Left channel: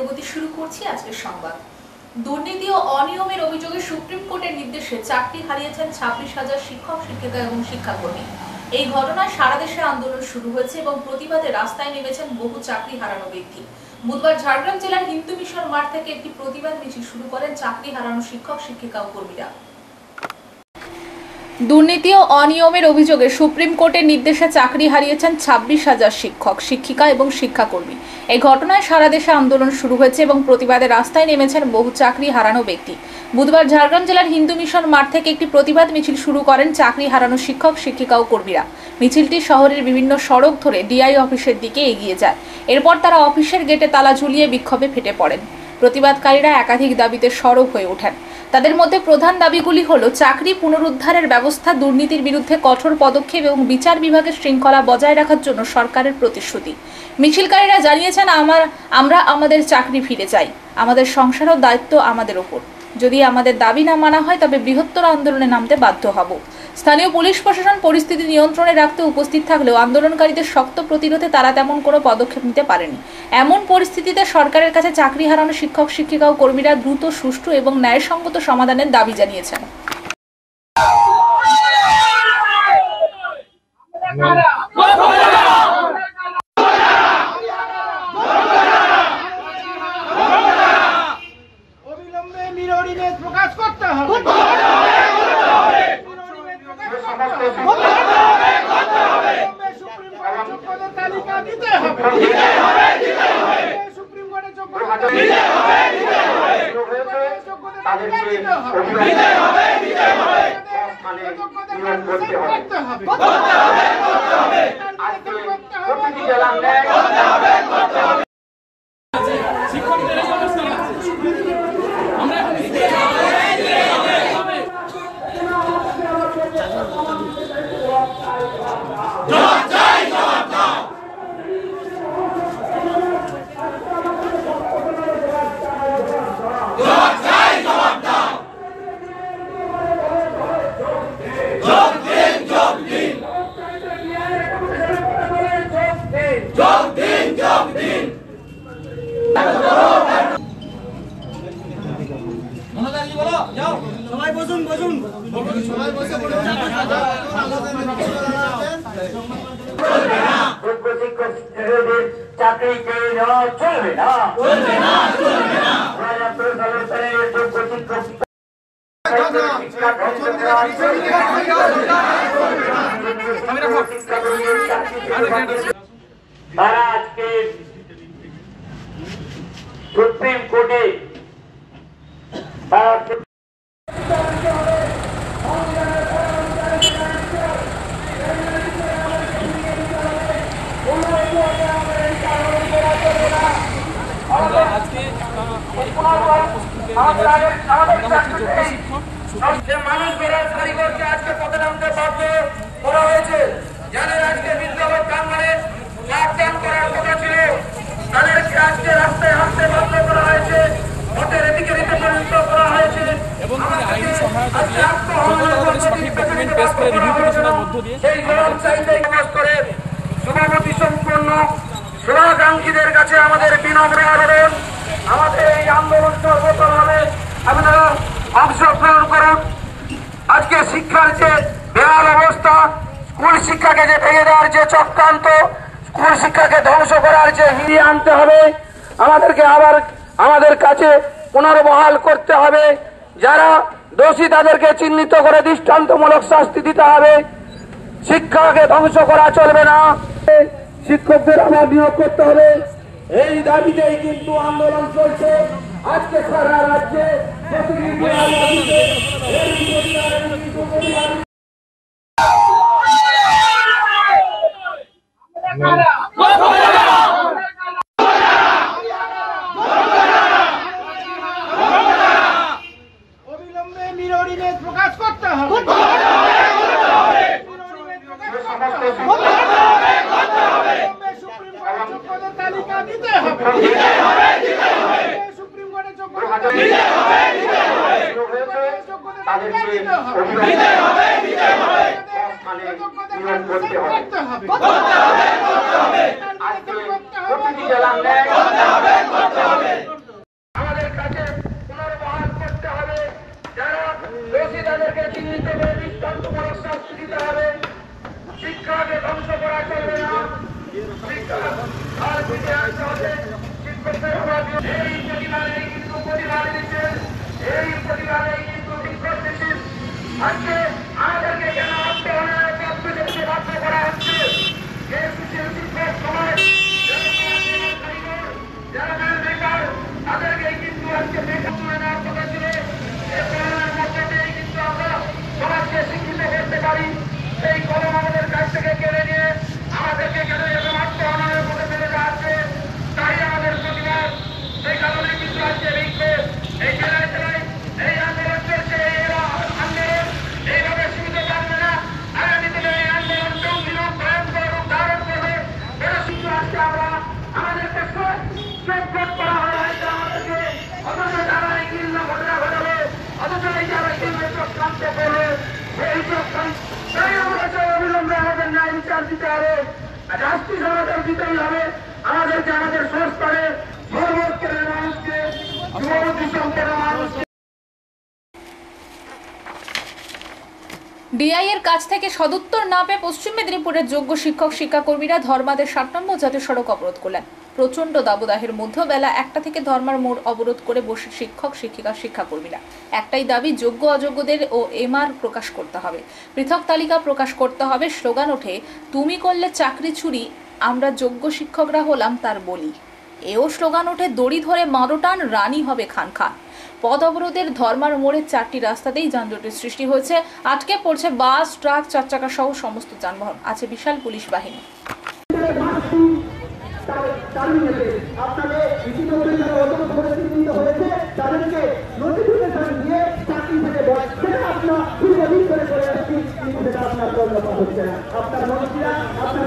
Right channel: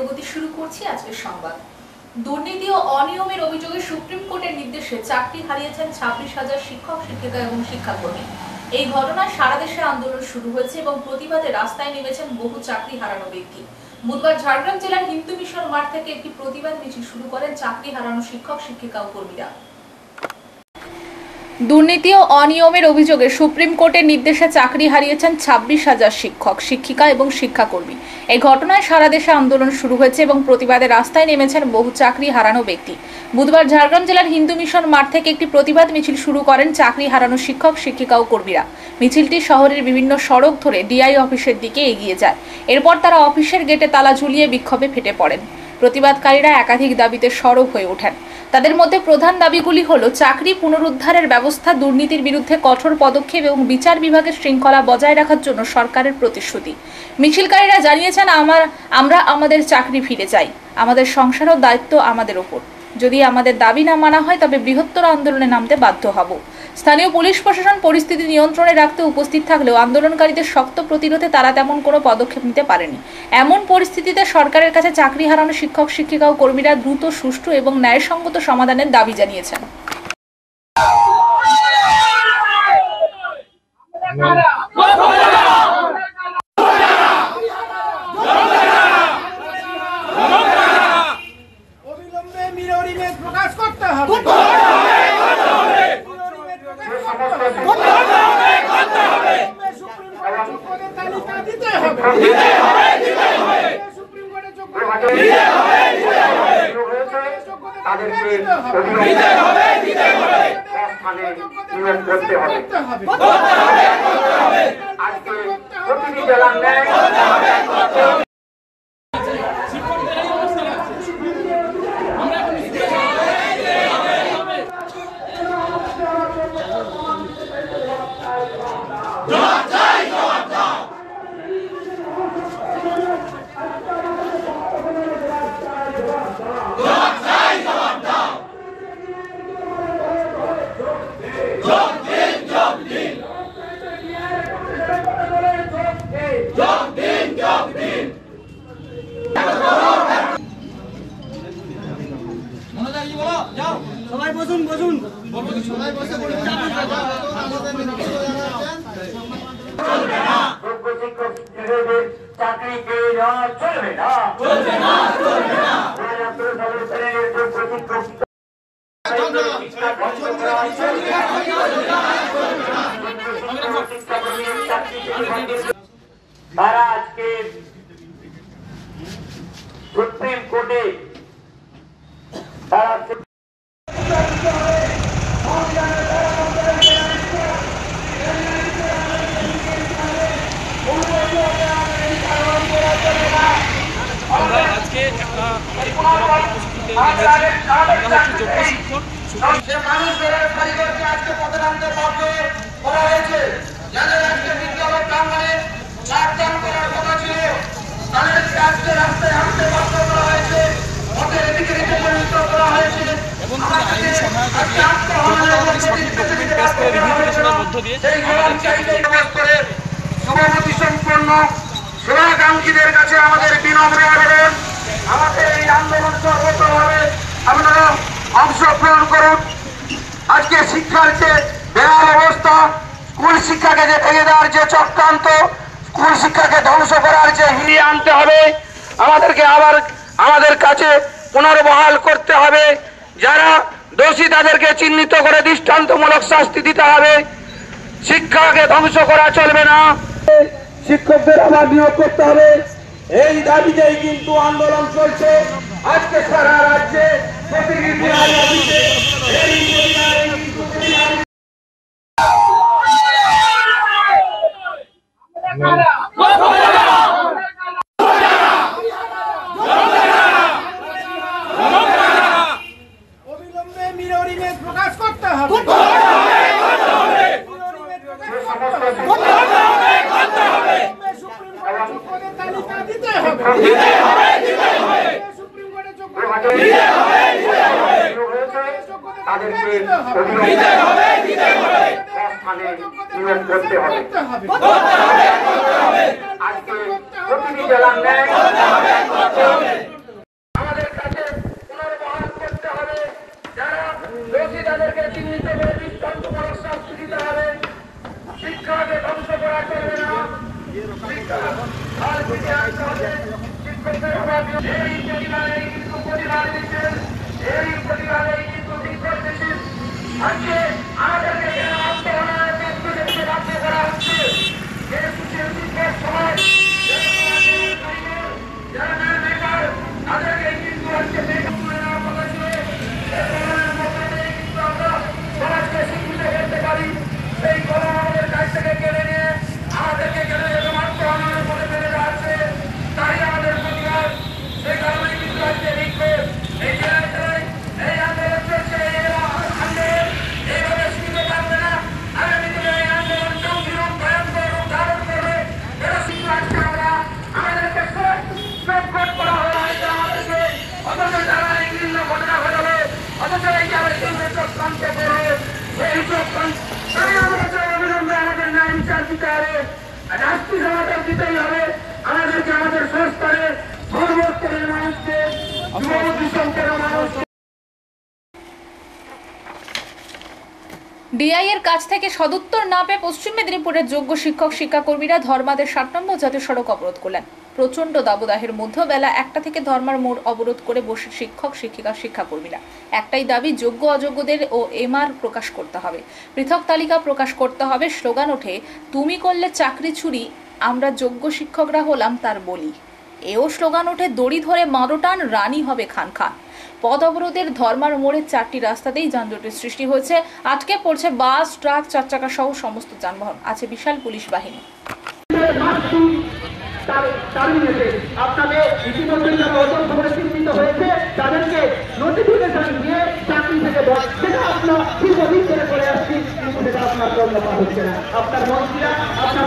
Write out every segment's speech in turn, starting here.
প্রগতি শুরু করছি আজকের সংবাদ। দুর্নীতি ও অনিয়মের অভিযোগে সুপ্রিম কোর্টের নির্দেশে চাকরি হারিয়েছেন 26,000 শিক্ষক শিক্ষিকা এবং শিক্ষাকর্মী। এই ঘটনায় সারা দেশে আন্দোলন শুরু হয়েছে এবং প্রতিবাদে রাস্তায় নেমেছেন বহু চাকরি হারানো ব্যক্তি। বুধবার ঝাড়গ্রাম জেলার হিন্দু মিশন মাঠ থেকে একটি প্রতিবাদ মিছিল শুরু করেন চাকরি হারানো শিক্ষক শিক্ষিকা ও কর্মীরা। দুর্নীতি ও অনিয়মের অভিযোগে সুপ্রিম কোর্টের নির্দেশে চাকরি হারিয়েছেন 26,000 শিক্ষক শিক্ষিকা এবং শিক্ষাকর্মী। এই ঘটনায় সারা দেশে আন্দোলন শুরু হয়েছে এবং প্রতিবাদে রাস্তায় নেমেছেন বহু চাকরি হারানো ব্যক্তি। বুধবার ঝাড়গ্রাম জেলার হিন্দু মিশন মাঠ থেকে একটি প্রতিবাদ মিছিল শুরু করেন চাকরি হারানো শিক্ষক শিক্ষিকা ও কর্মীরা। মিছিলটি শহরের বিভিন্ন সড়ক ধরে ডিআই অফিসের দিকে এগিয়ে যায়। এরপর তারা অফিসের গেটে তালা ঝুলিয়ে বিক্ষোভে ফেটে পড়েন। প্রতিবাদকারীরা একাধিক দাবিতে সরব হয়ে ওঠেন। তাদের মধ্যে প্রধান দাবিগুলি হলো চাকরি পুনরুদ্ধারের ব্যবস্থা, দুর্নীতির বিরুদ্ধে কঠোর পদক্ষেপ এবং বিচার বিভাগের শৃঙ্খলা বজায় রাখার জন্য সরকারের প্রতিশ্রুতি। মিছিলকারীরা জানিয়েছেন, আমরা আমাদের চাকরি ফিরে চাই, আমাদের সংসার ও দায়িত্ব আমাদের ওপর। যদি আমাদের দাবি না মানা হয় তবে বৃহত্তর আন্দোলনে নামতে বাধ্য হব। স্থানীয় পুলিশ প্রশাসন পরিস্থিতি নিয়ন্ত্রণে রাখতে উপস্থিত থাকলেও আন্দোলনকারীদের শক্ত প্রতিরোধে তারা তেমন কোনো পদক্ষেপ নিতে পারেনি। এমন পরিস্থিতিতে সরকারের কাছে চাকরি হারানো শিক্ষক শিক্ষিকা ও কর্মীরা দ্রুত, সুষ্ঠু এবং ন্যায়সঙ্গত সমাধানের দাবি জানিয়েছেন। প্রকাশ করতে হবে, সুপ্রিম কোর্টের যোগ্যতার তালিকা দিতে হবে, সুপ্রিম কোর্টের যোগ্যতার সবাই বসুন সবাই বসে বলুন। চাকরি পেয়ে যাওয়া চলবে না, চলবে না, চলবে না। তারা আজকে সুপ্রিম কোর্টে মানুষ বেরোজগারি করছে, আজকে পথে নামতে বাধ্য করা হয়েছে। যাদের আজকে বিদ্যালয় প্রাঙ্গণে চাকদান করার কথা ছিল তাদেরকে আজকে রাস্তায় হাঁটতে বাধ্য করা হয়েছে, পথের এদিকে দিতে পরিণত করা হয়েছে। সভাপতি সম্পন্ন সেবাকাঙ্ক্ষীদের কাছে আমাদের বিনম্র আবেদন, আমাদের এই আন্দোলন সর্বতভাবে আপনারা অংশগ্রহণ করুন। আজকে শিক্ষার যে বেহাল অবস্থা, স্কুল শিক্ষাকে যে ভেঙে দেওয়ার যে চক্রান্ত, স্কুল শিক্ষাকে ধ্বংস করার যে ফিরিয়ে আনতে হবে, আমাদেরকে আবার আমাদের কাছে পুনর্বহাল করতে হবে। যারা দোষী তাদেরকে চিহ্নিত করে দৃষ্টান্তমূলক শাস্তি দিতে হবে। শিক্ষাকে ধ্বংস করা চলবে না, শিক্ষকদের আবার নিয়োগ করতে হবে। এই দাবিতেই কিন্তু আন্দোলন চলছে আজকে সারা রাজ্যে। অবিলম্বে মিররিমের প্রকাশ করতে হবে, সুপ্রিম কোর্টের যোগ্যতার তালিকা দিতে হবে, সুপ্রিম কোর্টের যোগ্যতার তালিকা দিতে হবে। স্থানে নিয়োগ করতে হবে। আজকে প্রতিটি জেলার ন্যায় আমাদের কাছে পুনর্বহাল করতে হবে। যারা দোষী তাদেরকে চিহ্নিত করে দৃষ্টান্তমূলক শাস্তি দিতে হবে। শিক্ষাকে ধ্বংস করা চলবে না। শিক্ষা আর ফিরে আসতে হবে। শিক্ষকদের অভাব এই প্রতিবাদেই কিন্তু প্রতিবাদ দিচ্ছেন, এই প্রতিবাদেই কিন্তু বিক্ষোভ দিচ্ছেন। আজকে আমাদেরকে কেন আত্মহনায় প্রতিনিধিত্ব বাধ্য করা হচ্ছে? যেহেতু শিল্পীদের সমাজ যারা বেকার তাদেরকে কিন্তু আজকে বেকার তুলে নেওয়ার কথা ছিল। এর মধ্যে দিয়েই কিন্তু আমরা সমাজকে শিক্ষিত করতে পারি। সেই কলম আমাদের কাছ থেকে কেড়ে নিয়ে আমাদেরকে কেন এরকম আত্মহননের মধ্যে ফেলে দেওয়া হচ্ছে? তাই আমাদের প্রতিবাদ। সেই কারণে কিন্তু আজকে বিক্ষোভ এই জেলায় জেলায় এই আন্দোলন চলছে। আন্দোলন এইভাবে সীমিত থাকবে না। আগামী দিনে এই আন্দোলন গম্ভীর ভয়ঙ্কর রূপ ধারণ করবে। এটা কিন্তু আজকে আমরা আমাদেরকে সংকট করা হয়েছে আমাদেরকে। অথচ যারা এই ঘৃণ্য ঘটনা ঘটাবে, অথচ এই যারা কেন্দ্র চক্রান্ত করবে, সেই চক্রান্ত অবিলম্বে আমাদের ন্যায় বিচার দিতে হবে। রাষ্ট্রীয় সমাধান দিতেই হবে। আমাদেরকে আমাদের সংস্থানে সর্বস্তরের মানুষকে যুবক সংখ্যার মানুষকে ডিআই এর কাছ থেকে সদুত্তর না পেয়ে পশ্চিম মেদিনীপুরের যোগ্য শিক্ষক শিক্ষাকর্মীরা ধর্মাদের 7 নম্বর জাতীয় সড়ক অবরোধ করলেন। প্রচন্ড দাবদাহের মধ্যে বেলা 1টা থেকে ধর্মার মোড় অবরোধ করে বসে শিক্ষক শিক্ষিকা শিক্ষাকর্মীরা। একটাই দাবি, যোগ্য অযোগ্যদের ও এমআর প্রকাশ করতে হবে, পৃথক তালিকা প্রকাশ করতে হবে। স্লোগান ওঠে, তুমি করলে চাকরি চুরি, আমরা যোগ্য শিক্ষকরা হলাম তার বলি। এও স্লোগান ওঠে, দড়ি ধরে মারোটান, রানী হবে খান খান। পথ অবরোধের ধর্মার মোড়ের 4টি রাস্তাতেই যানজটের সৃষ্টি হয়েছে। আটকে পড়ছে বাস, ট্রাক, 4 চাকা সহ সমস্ত যানবাহন। আছে বিশাল পুলিশ বাহিনী। আপনাদের ইতিমধ্যে যারা অযোগ্য বলে চিহ্নিত হয়েছে তাদেরকে নোটিফিকেশন দিয়ে চাকরি থেকে সেটা আপনার দীর্ঘদিন ধরে করে আসছি, কিন্তু সেটা আপনার কর্মপাত হচ্ছে না। আপনার মন্ত্রীরা, আপনার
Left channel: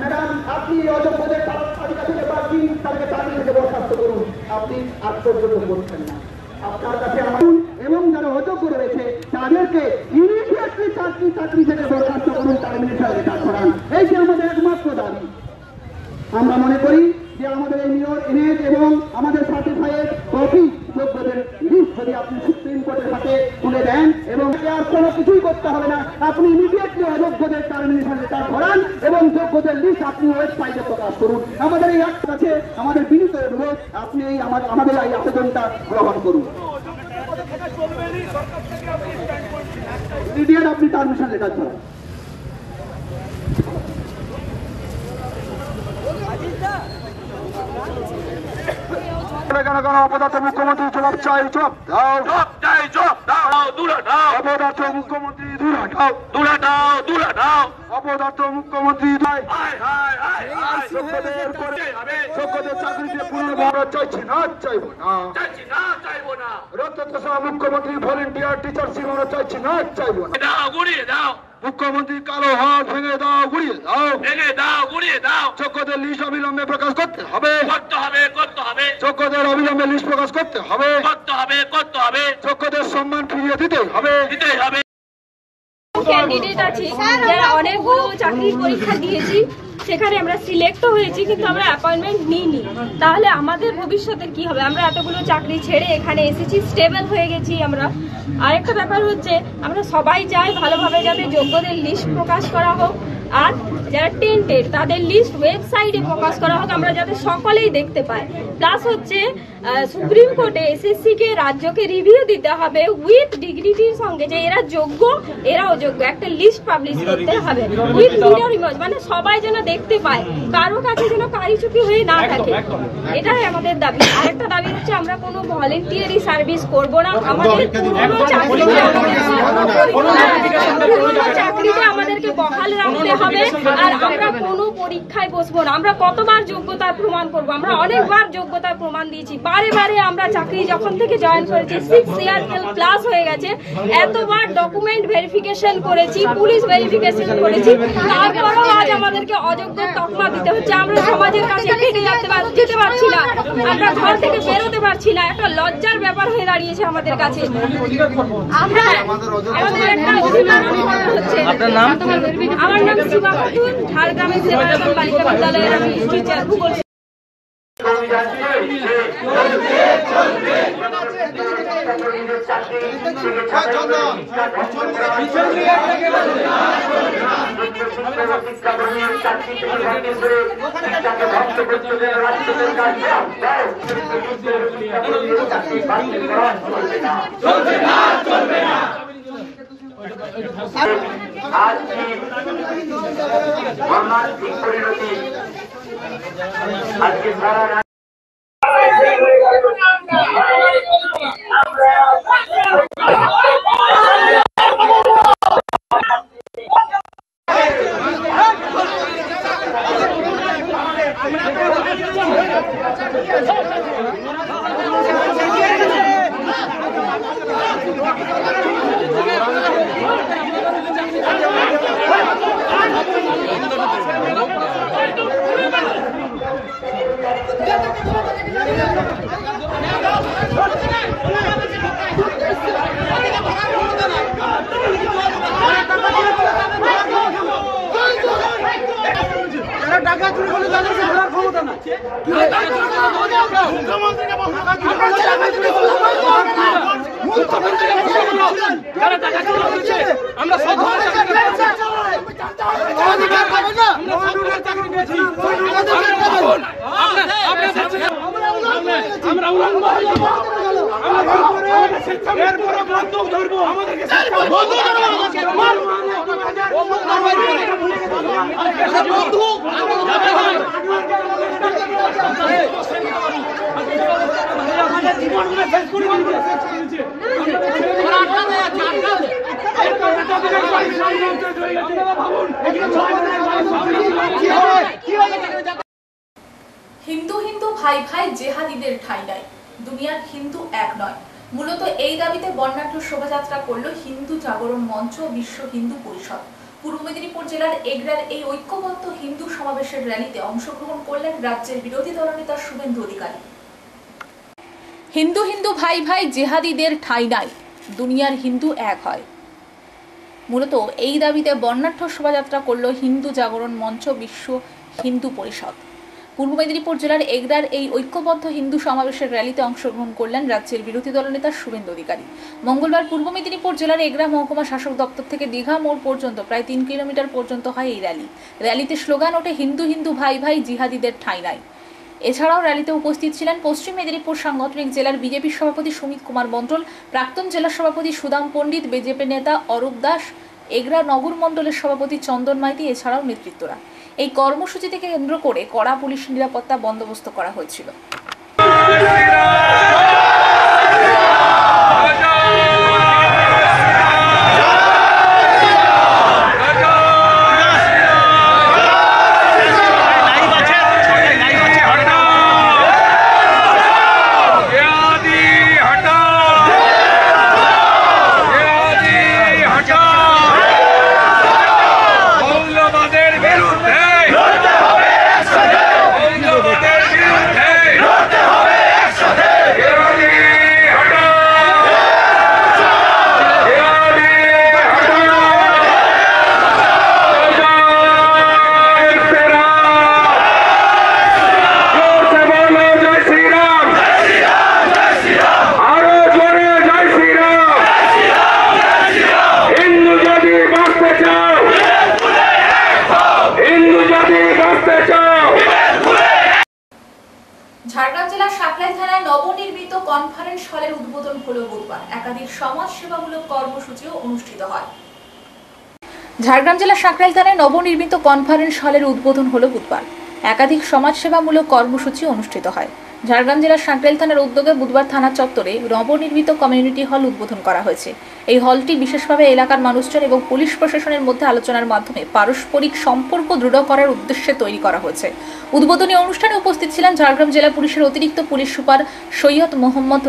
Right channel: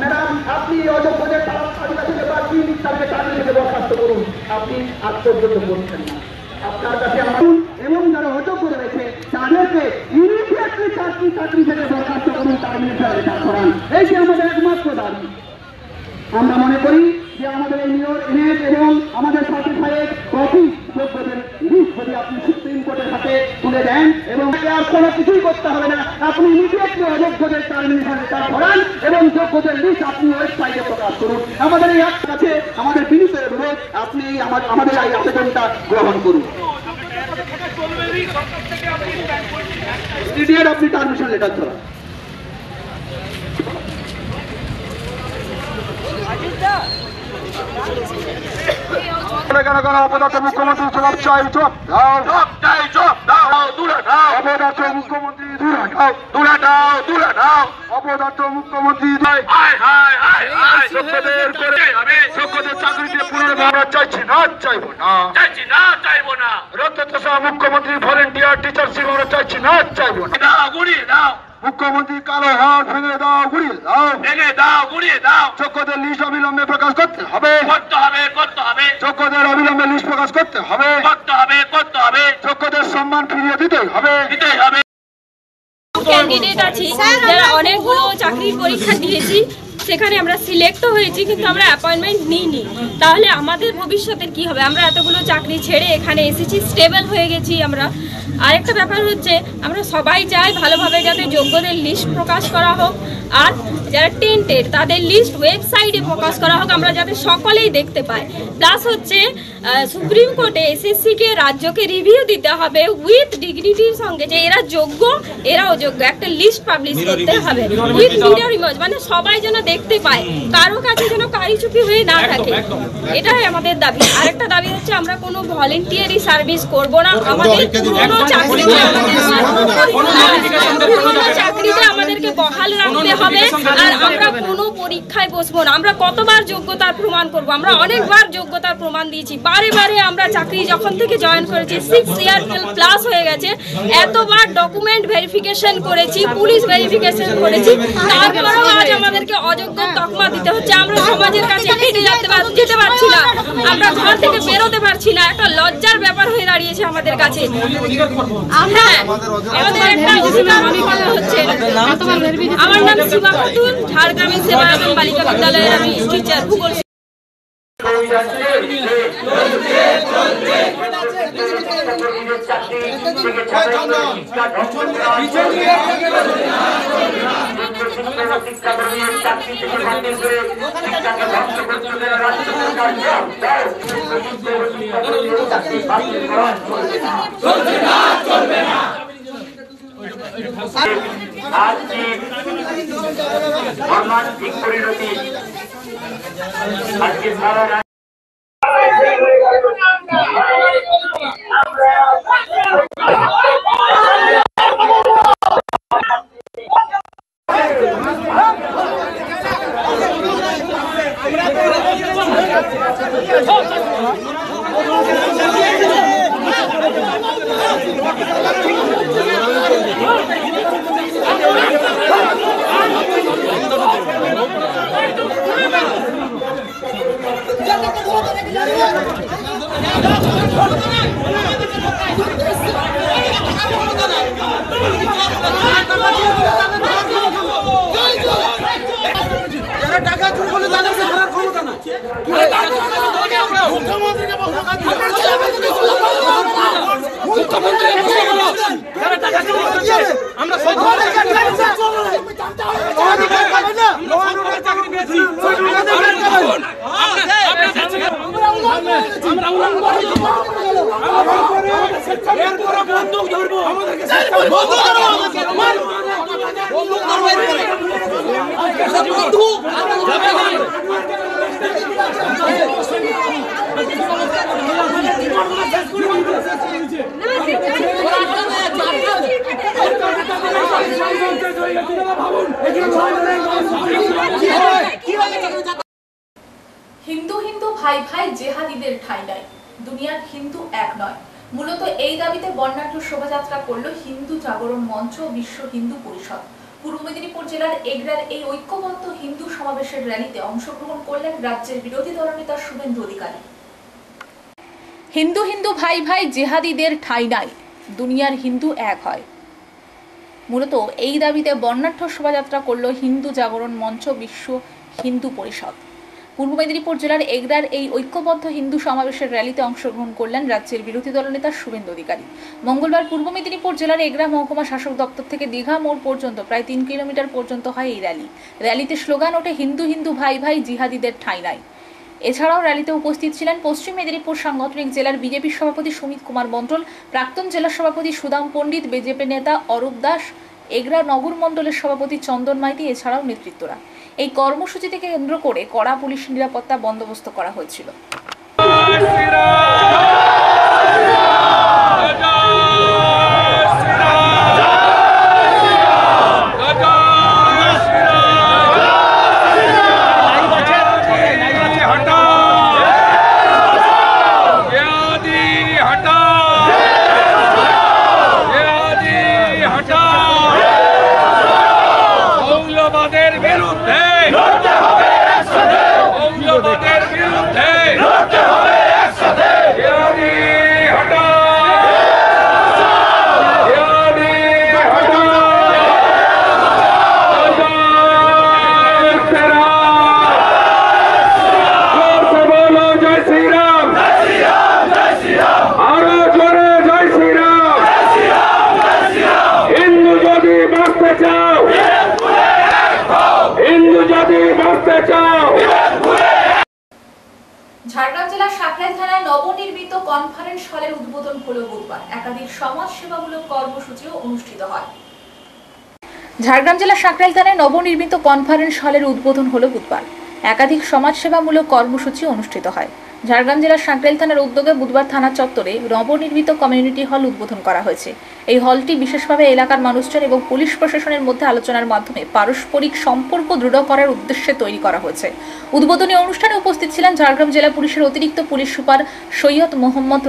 ম্যাডাম, আপনি অযোগ্যদের তালিকা থেকে বাদ দিন, তাকে চাকরি থেকে বরখাস্ত করুন। আপনি আত্মযোগ্য করছেন না। আপনার কাছে এবং যারা অযোগ্য রয়েছে তাদেরকে ইমিডিয়েটলি চাকরি থেকে বরখাস্ত করুন, তার নির্ধারণে কাজ করান। এই যে আমাদের একমাত্র দাবি। আমরা মনে করি যে আমাদের এই নিয়োগ এবং আমাদের সার্টিফাইড কপি যোগ্যদের লিস্ট যদি আপনি সুপ্রিম কোর্টের হাতে তুলে দেন এবং আর কোনো কিছুই করতে হবে না, আপনি ইমিডিয়েটলি অযোগ্যদের টার্মিনেশন লেটার করান এবং যোগ্যদের লিস্ট আপনি ওয়েবসাইটে প্রকাশ করুন। আমাদের এই অ্যাক্ট আছে, আমাদের বিনীত অনুরোধ, আপনি আমাদের এই আবেদনটা গ্রহণ করুন। ইমিডিয়েট আপনি টার্মিনেশন লেটার দেন। অপদার্থ মুখ্যমন্ত্রী জবাব চাই, জবাব দাও, অপদার্থ মুখ্যমন্ত্রী অপদার্থ মুখ্যমন্ত্রী যোগ্যদের চাকরিতে পুনর্বাসন চাইছি না, চাইবো না। রক্তচোষা মুখ্যমন্ত্রী ভলেন্টিয়ার টিচারশিপ আমরা চাইছি না, চাইবো না। গুড়িয়ে দাও মুখ্যমন্ত্রী, কালো হাত ভেঙে দাও, গুড়িয়ে দাও। যোগ্যদের লিস্ট অবিলম্বে প্রকাশ করতে হবে। যোগ্যদের অবিলম্বে লিস্ট প্রকাশ করতে হবে। যোগ্যদের সম্মান ফিরিয়ে দিতেই হবে। ক্যান্ডিডেট আছি যারা অনেকগুলো চাকরির পরীক্ষা দিয়েছি, সেখানে আমরা সিলেক্টও হয়েছি, কিন্তু আমরা অ্যাপয়েন্টমেন্ট নিইনি। তাহলে আমাদের ভবিষ্যতের কি হবে? আমরা এতগুলো চাকরি ছেড়ে এখানে এসেছি, স্টেবল হয়ে গেছি আমরা। আরেকটা ব্যাপার হচ্ছে, আমরা সবাই চাই ভালোভাবে যাতে যোগ্যদের লিস্ট প্রকাশ করা হোক, আর যারা টেন্টেড তাদের লিস্ট ওয়েবসাইটে প্রকাশ করা হোক, আমরা যাতে সকলেই দেখতে পাই। প্লাস হচ্ছে সুপ্রিম কোর্টে এসএসসিকে রাজ্যকে রিভিউ দিতে হবে উইথ ডিগনিটির সঙ্গে, যে এরা যোগ্য, এরাও যোগ্য। একটা লিস্ট পাবলিশ করতে হবে উইথ ভিডিও ইমেজ, মানে সবাই যেন দেখতে পায়, কারো কাছে যেন কারিচুপি হয়ে না থাকে। এটাই আমাদের দাবি। আরেকটা দাবি হচ্ছে, আমরা কোনো ভলেন্টিয়ারি সার্ভিস করব না। আমাদের পুরনো চাকরিতে আমাদেরকে বহাল রাখতে হবে, আর আমরা কোনো পরীক্ষায় বসবো না। আমরা কতবার যোগ্যতার প্রমাণ করব? আমরা অনেকবার যোগ্যতার প্রমাণ দিয়েছি, বারে বারে আমরা চাকরি যখন থেকে জয়েন করেছি 6 ইয়ার প্লাস হয়ে গেছে, এতবার ডকুমেন্ট ভেরিফিকেশন করেছি, পুলিশ ভেরিফিকেশন করেছি, তারপরেও আজ আমাদেরকে অযোগ্য তকমা দিতে হচ্ছে। আমরা সমাজের কাছে হেঁটে যেতে পারছি না, আমরা ঘর থেকে বেরোতে পারছি না। একটা লজ্জার ব্যাপার হয়ে দাঁড়িয়েছে আমাদের কাছে। হ্যাঁ, আমাদের একটা অধিকার খর্ব হচ্ছে। আমার নাম সীমা খাতুন, ঝাড়গ্রামের সেবায়তন বালিকা বিদ্যালয়ের আমি টিচার ভূগোল। মর্মান্তিক পরিণতি আজকে সারা টাকা চুরি করলে তাদেরকে ধরার ক্ষমতা না। আমরা সব বন্দুক ধরবো, আমাদেরকে হিন্দু হিন্দু ভাই ভাই জেহাদিদের ঠাঁই নাই, দুনিয়ার হিন্দু এক নয়। মূলত এই দাবিতে বর্ণাঢ্য শোভাযাত্রা করল হিন্দু জাগরণ মঞ্চ ও বিশ্ব হিন্দু পরিষদ। পূর্ব মেদিনীপুর জেলার এগরার এই ঐক্যবদ্ধ হিন্দু সমাবেশের র্যালিতে অংশগ্রহণ করলেন রাজ্যের বিরোধী দলনেতা শুভেন্দু অধিকারী। হিন্দু হিন্দু ভাই ভাই জেহাদিদের ঠাঁই নাই, দুনিয়ার হিন্দু এক হয়। মূলত এই দাবিতে বর্ণাঢ্য শোভাযাত্রা করল হিন্দু জাগরণ মঞ্চ বিশ্ব হিন্দু পরিষদ। পূর্ব মেদিনীপুর জেলার এগরার এই ঐক্যবদ্ধ হিন্দু সমাবেশের র্যালিতে অংশগ্রহণ করলেন রাজ্যের বিরোধী দলনেতা শুভেন্দু অধিকারী। মঙ্গলবার পূর্ব মেদিনীপুর জেলার এগরা মহকুমা শাসক দপ্তর থেকে দীঘা মোড় পর্যন্ত প্রায় 3 কিলোমিটার পর্যন্ত হয় এই র্যালি। র্যালিতে স্লোগান ওঠে হিন্দু হিন্দু ভাই ভাই জিহাদিদের ঠাঁই নাই। এছাড়াও র্যালিতে উপস্থিত ছিলেন পশ্চিম মেদিনীপুর সাংগঠনিক জেলার বিজেপি সভাপতি সুমিত কুমার মণ্ডল, প্রাক্তন জেলা সভাপতি সুদাম পণ্ডিত, বিজেপি নেতা অরূপ দাস, এগরা নগর মণ্ডলের সভাপতি চন্দন মাইতি এছাড়াও নেতৃত্বরা। এই কর্মসূচিকে কেন্দ্র করে কড়া পুলিশ নিরাপত্তা বন্দোবস্ত করা হয়েছিল। ঝাড়গ্রাম জেলার সাঁকরাইল থানায় নবনির্মিত কনফারেন্স হলের উদ্বোধন হলো বুধবার। একাধিক সমাজ সেবামূলক কর্মসূচিও অনুষ্ঠিত হয়। ঝাড়গ্রাম জেলার সাঁকরাইল থানায় নবনির্মিত কনফারেন্স হলের উদ্বোধন হলো বুধবার। একাধিক সমাজসেবামূলক কর্মসূচি অনুষ্ঠিত হয়। ঝাড়গ্রাম জেলার সাঁকরাইল থানার উদ্যোগে বুধবার থানা চত্বরে নবনির্মিত কমিউনিটি হল উদ্বোধন করা হয়েছে। এই হলটি বিশেষভাবে এলাকার মানুষজন এবং পুলিশ প্রশাসনের মধ্যে আলোচনার মাধ্যমে পারস্পরিক সম্পর্ক দৃঢ় করার উদ্দেশ্যে তৈরি করা হয়েছে। উদ্বোধনী অনুষ্ঠানে উপস্থিত ছিলেন ঝাড়গ্রাম জেলা পুলিশের অতিরিক্ত পুলিশ সুপার সৈয়দ মোহাম্মদ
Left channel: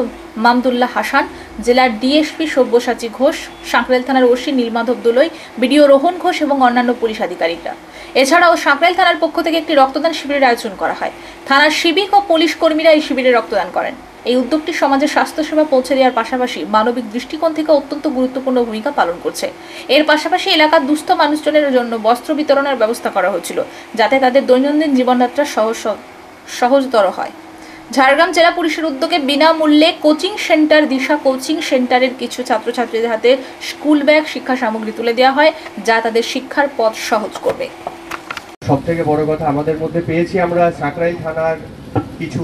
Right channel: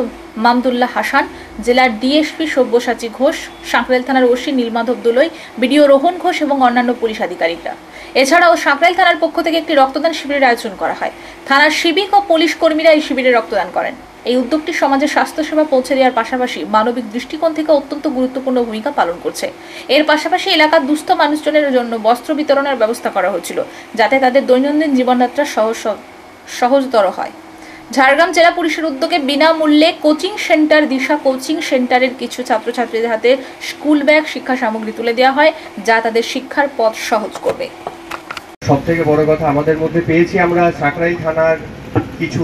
মামদুল্লাহ হাসান, জেলার ডিএসপি সব্যসাচী ঘোষ, সাঁকরাইল থানার ওসি নীলমাধব দোলই, বিডিও রোহন ঘোষ এবং অন্যান্য পুলিশ আধিকারিকরা। এছাড়াও সাঁকরাইল থানার পক্ষ থেকে একটি রক্তদান শিবিরের আয়োজন করা হয়। থানার সিভিক ও পুলিশ কর্মীরা এই শিবিরে রক্তদান করেন। এই উদ্যোগটি সমাজে স্বাস্থ্যসেবা পৌঁছে দেওয়ার পাশাপাশি মানবিক দৃষ্টিকোণ থেকে অত্যন্ত গুরুত্বপূর্ণ ভূমিকা পালন করছে। এর পাশাপাশি এলাকার দুস্থ মানুষজনের জন্য বস্ত্র বিতরণের ব্যবস্থা করা হয়েছিল, যাতে তাদের দৈনন্দিন জীবনযাত্রা সহজতর হয়। ঝাড়গ্রাম জেলা পুলিশের উদ্যোগে বিনামূল্যে কোচিং সেন্টার দিশা কোচিং সেন্টারের কিছু ছাত্রছাত্রীদের হাতে স্কুল ব্যাগ, শিক্ষা সামগ্রী তুলে দেওয়া হয়, যা তাদের শিক্ষার পথ সহজ করবে। সব থেকে বড় কথা, আমাদের মধ্যে পেয়েছি আমরা সাঁকরাইল থানার কিছু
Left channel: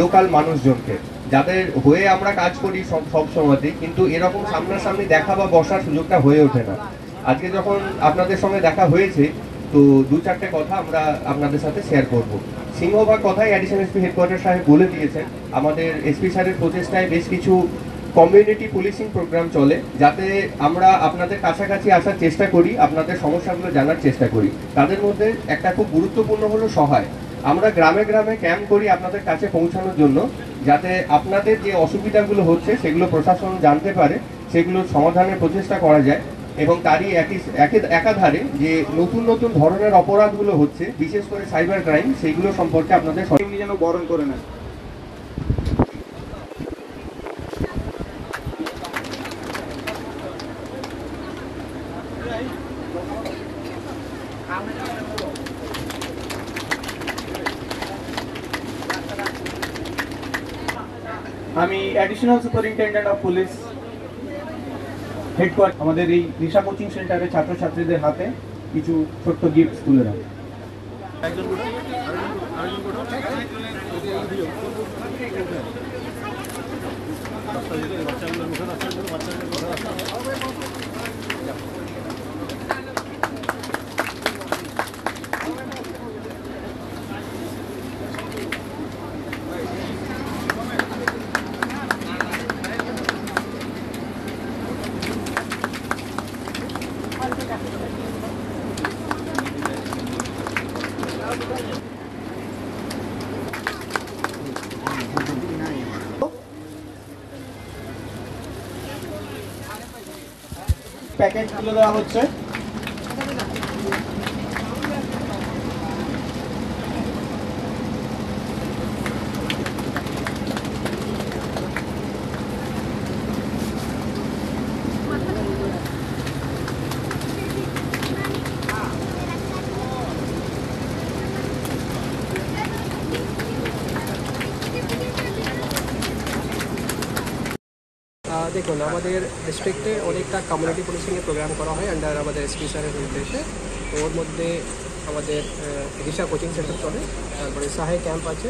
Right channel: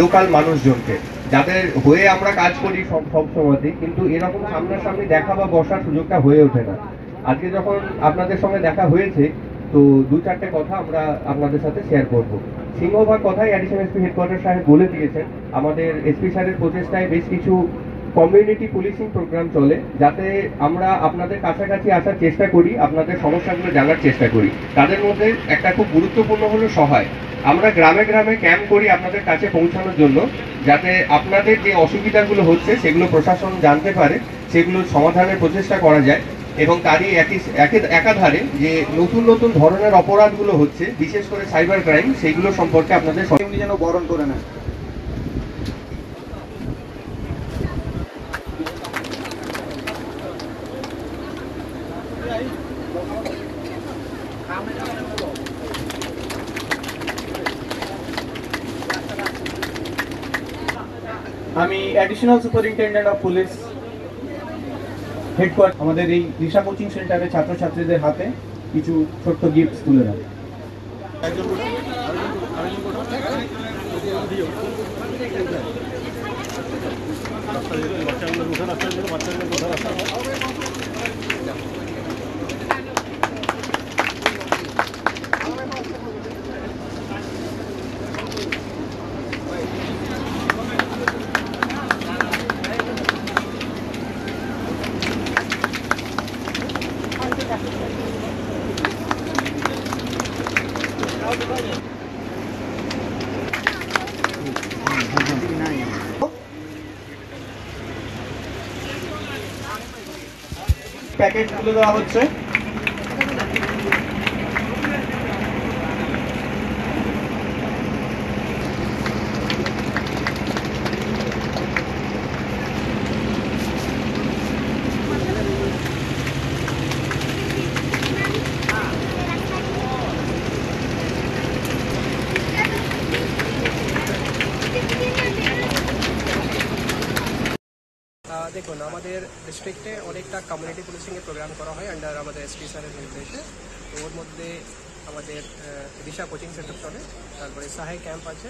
লোকাল মানুষজনকে, যাদের হয়ে আমরা কাজ করি সব সময়তেই, কিন্তু এরকম সামনাসামনি দেখা বা বসার সুযোগটা হয়ে ওঠে না। আজকে যখন আপনাদের সঙ্গে দেখা হয়েছে, তো দু চারটে কথা আমরা আপনাদের সাথে শেয়ার করব। সিংহভাগ কথাই অ্যাডিশনাল এসপি হেডকোয়ার্টার সাহেব বলে দিয়েছেন। আমাদের এসপি স্যারের প্রচেষ্টায় বেশ কিছু কমিউনিটি পুলিশিং প্রোগ্রাম চলে, যাতে আমরা আপনাদের কাছাকাছি আসার চেষ্টা করি, আপনাদের সমস্যাগুলো জানার চেষ্টা করি। তাদের মধ্যে একটা খুব গুরুত্বপূর্ণ হলো সহায়। আমরা গ্রামে গ্রামে ক্যাম্প করি আপনাদের কাছে পৌঁছানোর জন্য, যাতে আপনাদের যে অসুবিধাগুলো হচ্ছে সেগুলো প্রশাসন জানতে পারে, সেগুলো সমাধানের প্রচেষ্টা করা যায়। এবং তারই একাধারে যে নতুন নতুন ধরনের অপরাধগুলো হচ্ছে, বিশেষ করে সাইবার ক্রাইম, সেগুলো সম্পর্কে আপনাদের সঙ্গে যেন বরণ করে নেন। আমি additional superintendent of police headquarter আমাদের এই দিশা কোচিং সেন্টারের ছাত্রছাত্রীদের হাতে কিছু ছোট্ট গিফট তুলে দেয়। প্যাকেট তুলে দেওয়া হচ্ছে। দেখুন, আমাদের ডিস্ট্রিক্টে অনেকটা কমিউনিটি পুলিশিংয়ের প্রোগ্রাম করা হয় আন্ডার আমাদের এসপি স্যারের নির্দেশে। তো ওর মধ্যে আমাদের দিশা কোচিং সেন্টার চলে, তারপরে সাহে ক্যাম্প আছে,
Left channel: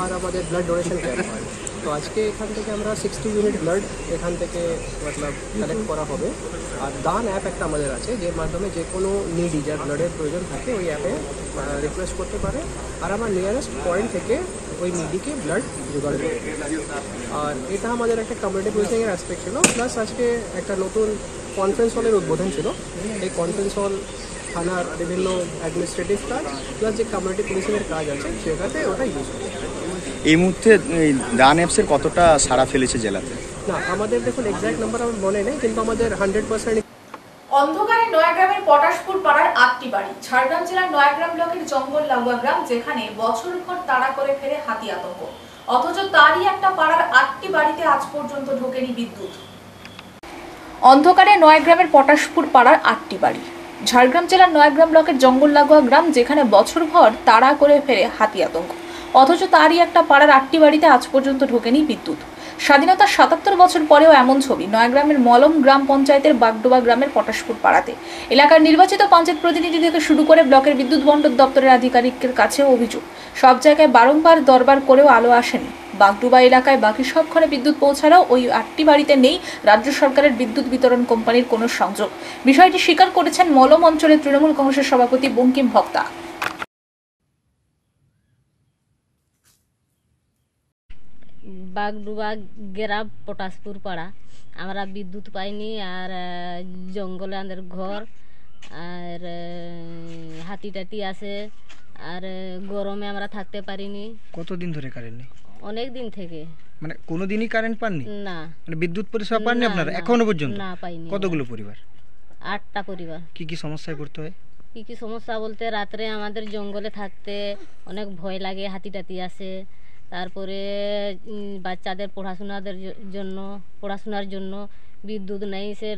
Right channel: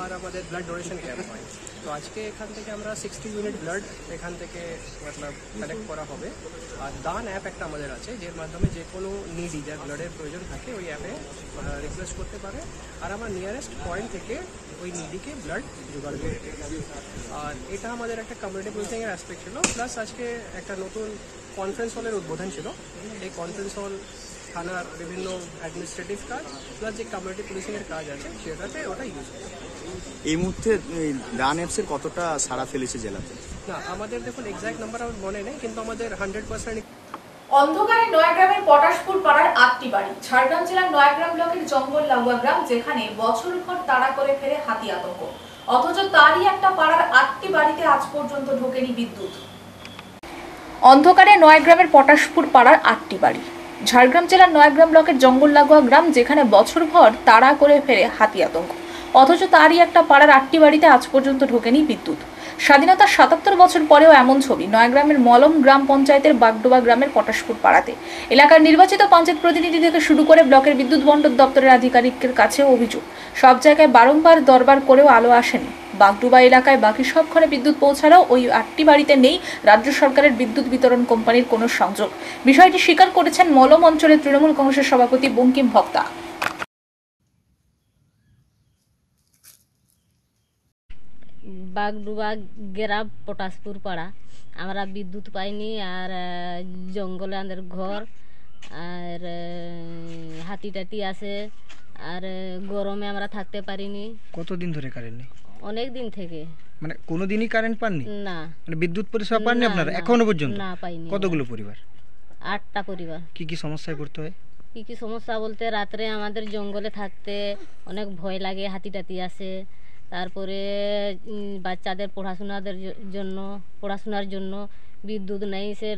আর আমাদের ব্লাড ডোনেশন ক্যাম্প হয়। তো আজকে এখান থেকে আমরা 60 ইউনিট ব্লাড এখান থেকে মতলব কালেক্ট করা হবে। আর দান অ্যাপ একটা আমাদের আছে, যার মাধ্যমে যে কোনো নিডি যার ব্লাডের প্রয়োজন থাকে ওই অ্যাপে রিকোয়েস্ট করতে পারে, আর আমার নিয়ারেস্ট পয়েন্ট থেকে ওই নিডিকে ব্লাড জোগাড় করবে। আর এটা আমাদের একটা কমিউনিটি পুলিশিংয়ের অ্যাসপেক্ট ছিল। প্লাস আজকে একটা নতুন কনফারেন্স হলের উদ্বোধন ছিল। এই কনফারেন্স হল থানার বিভিন্ন অ্যাডমিনিস্ট্রেটিভ কাজ প্লাস যে কমিউনিটি পুলিশিংয়ের কাজ আছে সেটাতে ওটা ইউজ করে। এই মুহূর্তে দান অ্যাপসের কতটা সাড়া ফেলেছে জেলাতে? না, আমাদের দেখুন এক্স্যাক্ট নাম্বার আমার মনে নেই, কিন্তু আমাদের 100% অন্ধকারে নয়াগ্রামের পটাশপুর পাড়ার 8টি বাড়ি। ঝাড়গ্রাম জেলার নয়াগ্রাম ব্লকের জঙ্গল লাগোয়া গ্রাম, যেখানে বছরভর তাড়া করে ফেরে হাতি আতঙ্ক, অথচ তারই একটা পাড়ার 8টি বাড়িতে আজ পর্যন্ত ঢোকেনি বিদ্যুৎ। অন্ধকারে নয়াগ্রামের পটাশপুর পাড়ার 8টি বাড়ি। ঝাড়গ্রাম জেলার নয়াগ্রাম ব্লকের জঙ্গল লাগোয়া গ্রাম, যেখানে বছরভর তাড়া করে ফেরে হাতি আতঙ্ক, অথচ তারই একটা পাড়ার 8টি বাড়িতে আজ পর্যন্ত ঢোকেনি বিদ্যুৎ। স্বাধীনতার 77 বছর পরেও এমন ছবি নয়াগ্রামের মলম গ্রাম পঞ্চায়েতের বাগডোবা গ্রামের পটাশপুর পাড়াতে। এলাকার নির্বাচিত পঞ্চায়েত প্রতিনিধি থেকে শুরু করে ব্লকের বিদ্যুৎ বন্টন দপ্তরের আধিকারিকের কাছেও অভিযোগ, সব জায়গায় বারংবার দরবার করেও আলো আসেনি। বাগডোবা এলাকায় বাকি সব ঘরে বিদ্যুৎ পৌঁছালেও ওই 8টি বাড়িতে নেই রাজ্য সরকারের বিদ্যুৎ বিতরণ কোম্পানির কোনো সংযোগ। বিষয়টি স্বীকার করেছেন মলম অঞ্চলের তৃণমূল কংগ্রেসের সভাপতি বঙ্কিম ভক্তা। বাগডোবা গ্রাম পটাশপুর পাড়া, আমরা বিদ্যুৎ পাইনি, আর জঙ্গলে আমাদের ঘর, আর হাতি টাতি আসে, আর গরমে আমরা থাকতে পারিনি। কতদিন ধরে কারেন্ট নেই? অনেক দিন থেকে। মানে কোনোদিনই কারেন্ট পাননি? না। মানে বিদ্যুৎ পরিষেবা পাননি আপনারা এখনো পর্যন্ত? না, পাইনি। কতগুলো পরিবার? 8টা পরিবার। কি কি সমস্যায় পড়তে হয়? কি কি সমস্যা বলতে, রাত্রে আমাদের জঙ্গলে থাকতে অনেক ভয় লাগে, হাতি টাতি আসে, তারপরে বাচ্চাদের পড়াশোনার জন্য বিদ্যুৎ নেই, সে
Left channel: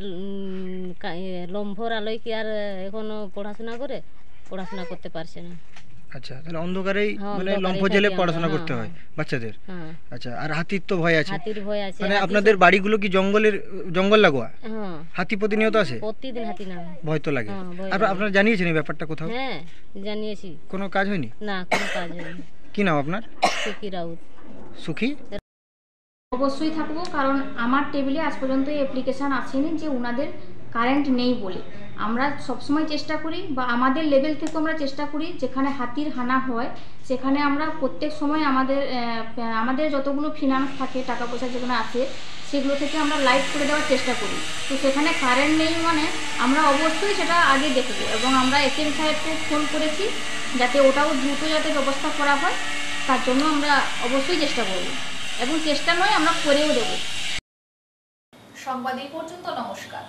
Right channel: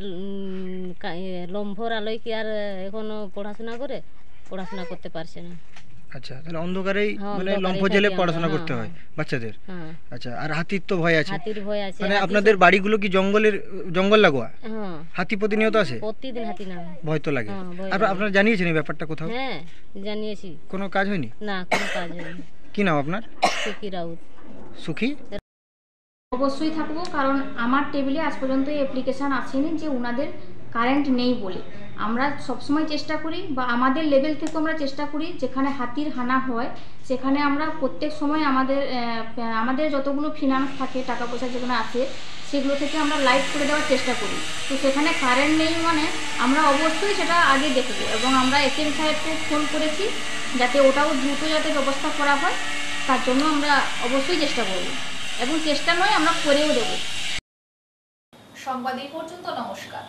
লম্ভর আলোয় কি আর এখনো পড়াশোনা করতে পারছে না। আচ্ছা, তাহলে অন্ধকারেই হ্যাঁ, মানে অন্ধকারেই লম্ফ থাকি জেলে আমরা, পড়াশোনা হ্যাঁ, করতে হয় বাচ্চাদের। হ্যাঁ, আচ্ছা, আর হাতির তো ভয় আছে। হাতির ভয় আছে। মানে হাতি আপনাদের বাড়িগুলো কি জঙ্গল লাগোয়া? হ্যাঁ, হাতি প্রতিনিয়ত আসে? প্রতিদিন হাতি নামে। ভয় তো লাগে। হ্যাঁ, ভয় আপনারা জানিয়েছেন এই ব্যাপারটা কোথাও? হ্যাঁ, জানিয়েছি। কোনো কাজ হয়নি? না, কোনো কাজ হয়নি। কি নাম আপনার? সুখী রাউত। সুখী? অবশ্যই থাকবো, কারণ আমার টেবিলে আজ পর্যন্ত এই অ্যাপ্লিকেশান আসেনি যে ওনাদের কারেন্ট নেই বলে। আমরা সবসময় চেষ্টা করি, বা আমাদের লেভেল থেকে আমরা চেষ্টা করি, যেখানে হাতির হানা হয় সেখানে আমরা প্রত্যেক সময় আমাদের যতগুলো ফিনান্স থাকে, টাকা পয়সা যেগুলো আছে, সেগুলো থেকে আমরা লাইট করে দেওয়ার চেষ্টা করি। তো সেখানে কারেন্ট নেই মানে আমরা অবশ্যই সেটা আগে দেখব, এবং আমরা এসএম সাহেবকে ফোন করেছি যাতে ওটাও দ্রুত যাতে ব্যবস্থা করা হয়, তার জন্য আমরা অবশ্যই চেষ্টা করব, এবং চেষ্টা নয় আমরা করেও দেব। সংবাদ এই পর্যন্ত, নমস্কার।